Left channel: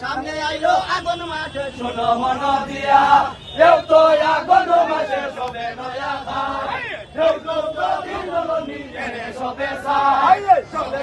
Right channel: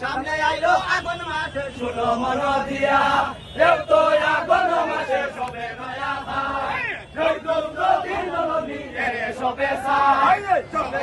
সামনে আইলো আগুন মাঠে ছোট মন দিয়া কেউ তো আগুন মাঝে সবে নয়া ভাই দিন নদী কেড়ে সবে সাই সবে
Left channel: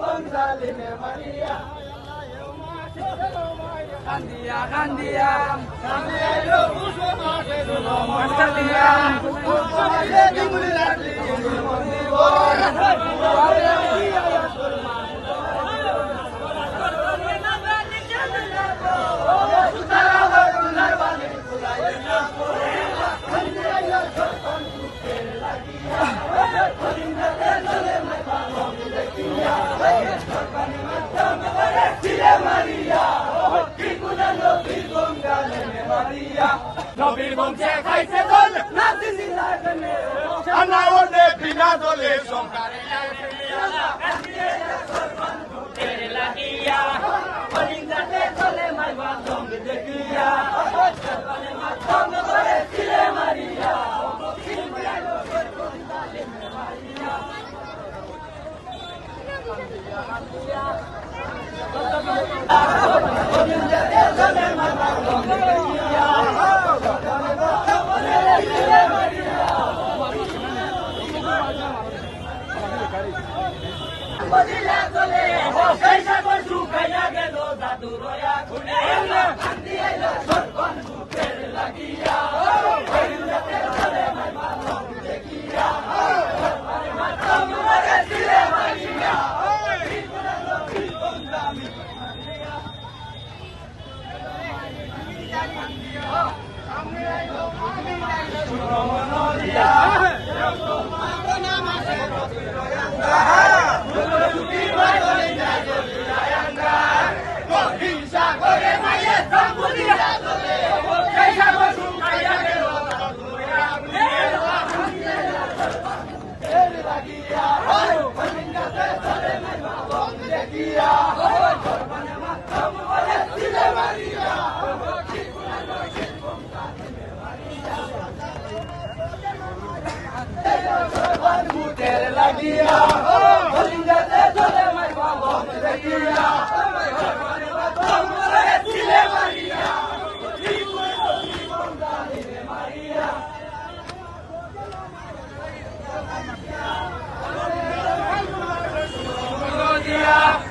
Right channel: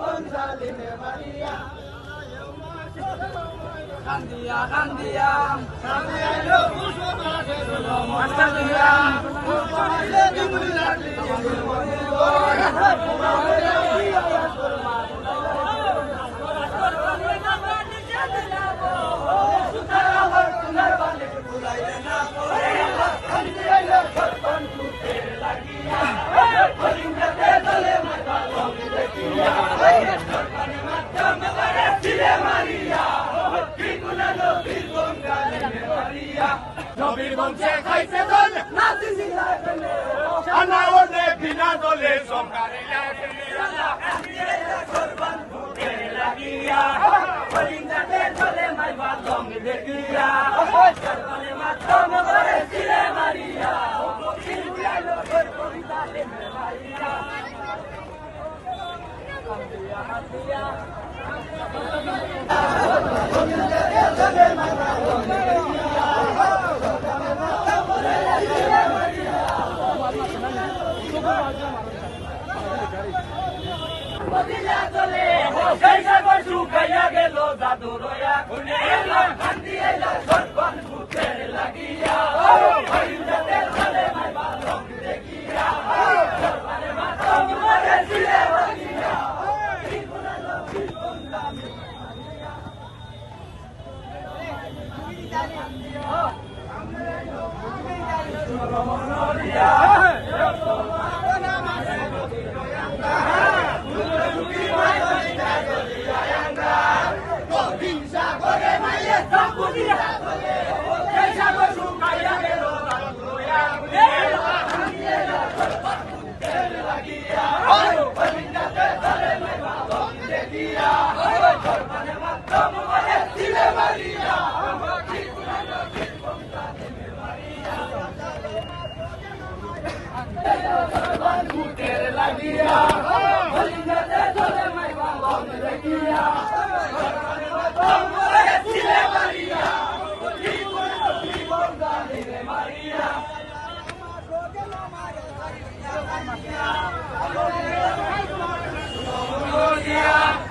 风沙里别怕烈呀，有我有妈亲，有我呀！喊地呀喊地呀，咱们俩就不说妈亲。নবীর বংশে খাইছে দল ওনে বিনা দলে সরকারি লাগিয়া হরিঙ্গাতে চলে মাইবা রং দেখিয়া সরকারে মাধ্যম করে ছিলে মারিয়া বলিলা চলে। সেই সাগর শুকাইয়া গেল জাদু রয়া খুলে এলো কান্দি এলো সরকার ঘুরতে লাগিয়া। হরিঙ্গাতে চলে মাইবা রং দেখিয়া সরকারে মাধ্যম করে ছিলে মারিয়া হিংসা করে মাইয়ে সাপুরিয়া চলে সেই সাগর শুকাইয়া গেল জাদু রয়া খুলে এলো কান্দি এলো সরকার ঘুরতে লাগিয়া হরিঙ্গাতে চলে মাইবা রং দেখিয়া সরকারে মাধ্যম করে ছিলে মারিয়া ভূতের লাগিয়া